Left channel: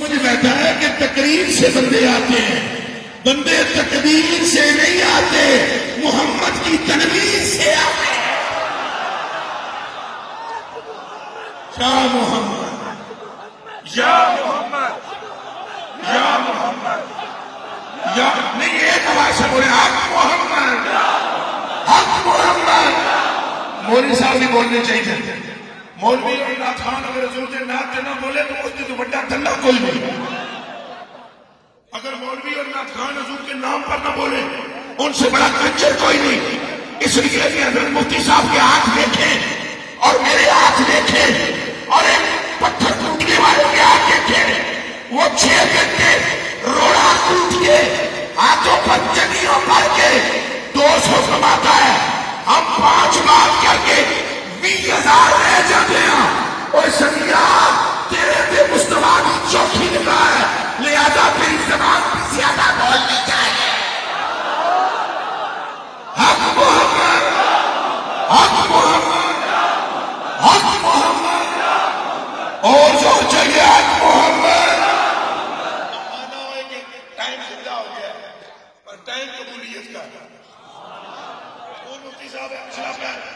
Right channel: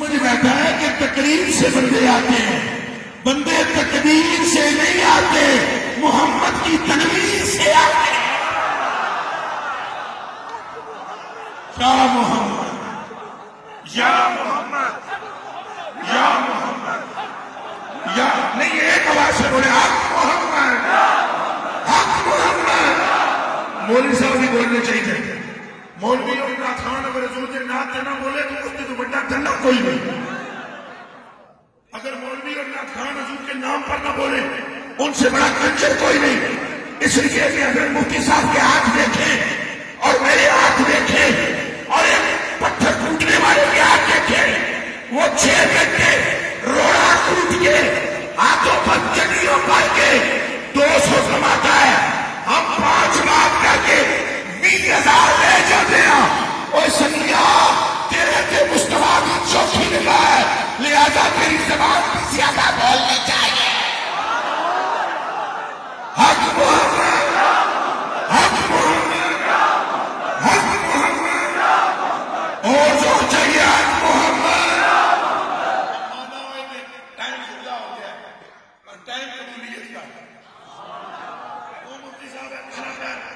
مجھے کہتا ہے کہ تقریر سے بندے آتے ہیں، بندے تقریر سے نہیں آتے، محمد کی تنویر سے آتے ہیں۔ یا محمد یا محمد یا محمد یا نہیں، ایک آواز سے بولے حق محمد حق محمد۔ مولوی صاحب بھی بولنے چاہیے، مولوی اور نعت خان اگر حضور کے نعت نہ بولے تو اس سے بڑا دھندا کوئی نہیں۔ اگر مولوی اور نعت خان حضور کے نام پر نہ بولے ان سے بڑا کنجر کوئی نہیں۔ اس لیے کہ اگر مفتی صاحب کے ہاتھ دیکھیں اور میرے ہاتھ دیکھیں اور ایک پتھر ٹوٹنے والے کے ہاتھ دیکھیں، وہ 6 گھنٹے روڑا ٹوٹ کے ہاتھوں پر چکیوں پر کے 200 کماتا ہے، ہم 5 لاکھ کر کے 20,000 لے جاتے ہیں۔ اور سنگا تیرے سے مصطفیٰ کی چوکی لگا ہے، لہذا تیری زبان زیادہ بولنی چاہیے۔ حق محمد حق محمد حق محمد اور جو چاہیے حق محمد۔ مانا ہے کہ ٹائم زندہ ہو گیا اور ٹائم قبولیت کا۔ وہ مفتی صاحب ہے پچھلا پہلا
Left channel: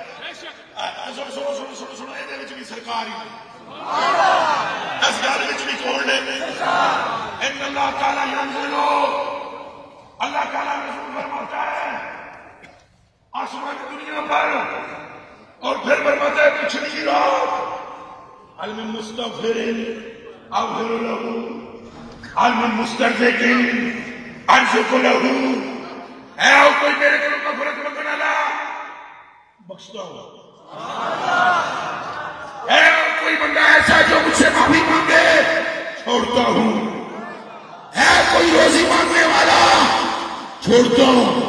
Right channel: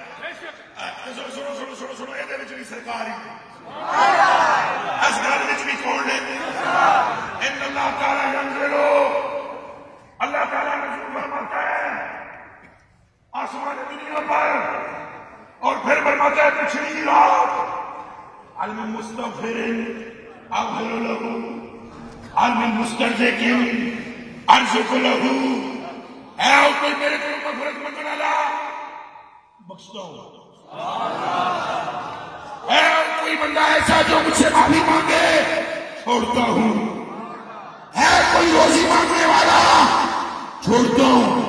سنو یہ بھی سرکار ہی اس گل بھی کون ہے؟ اللہ تعالیٰ منزلو، اللہ تعالیٰ نزول فرماتا ہے آسمان دنیا پر، اور پھر فرماتا ہے پچھلی رات علم مستغفر اغفر له علم مستدرک ارزق له۔ اے اور کوئی میرے کو مغفرت مانگنے والا بخشتا ہوں، اے اور کوئی بندہ ایسا جو مجھ سے معافی مانگے چھوڑتا ہوں، ہے کوئی روزی مانگنے والا چھوڑتا ہوں۔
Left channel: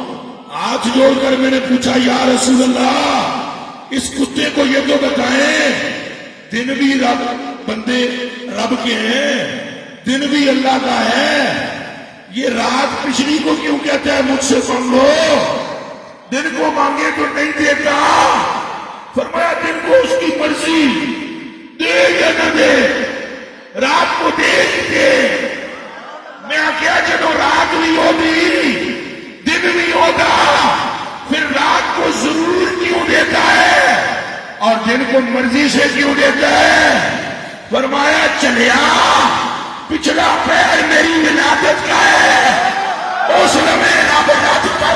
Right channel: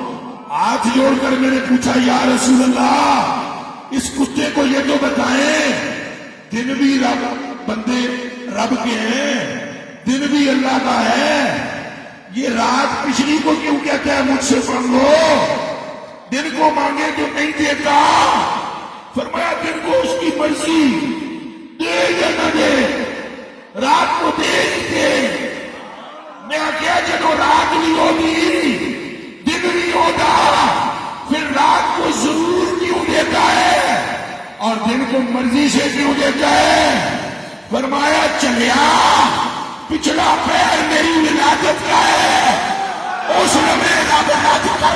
ہاتھ جوڑ کر میں نے پوچھا یا رسول اللہ اس کتے کو یہ تو بتائیں، دن بھی رب بندے رب کے ہیں، دن بھی اللہ کا ہے، یہ رات پچھلی کو کیوں کہتا ہے مجھ سے سن لو؟ دن کو مانگے تو نہیں دیتا، فرمایا دن کو اس کی مرضی دے یا نہ دے، رات کو دے دے۔ میں کیا جنو رات نہیں ہوتی دن نہیں ہوتا، پھر رات کو ضرور کیوں دیتا ہے اور دن کو مرضی سے کیوں دیتا ہے؟ فرمایا چلیا پچھلا پیر میری ولادت کا ہے، اس میں رب رات کا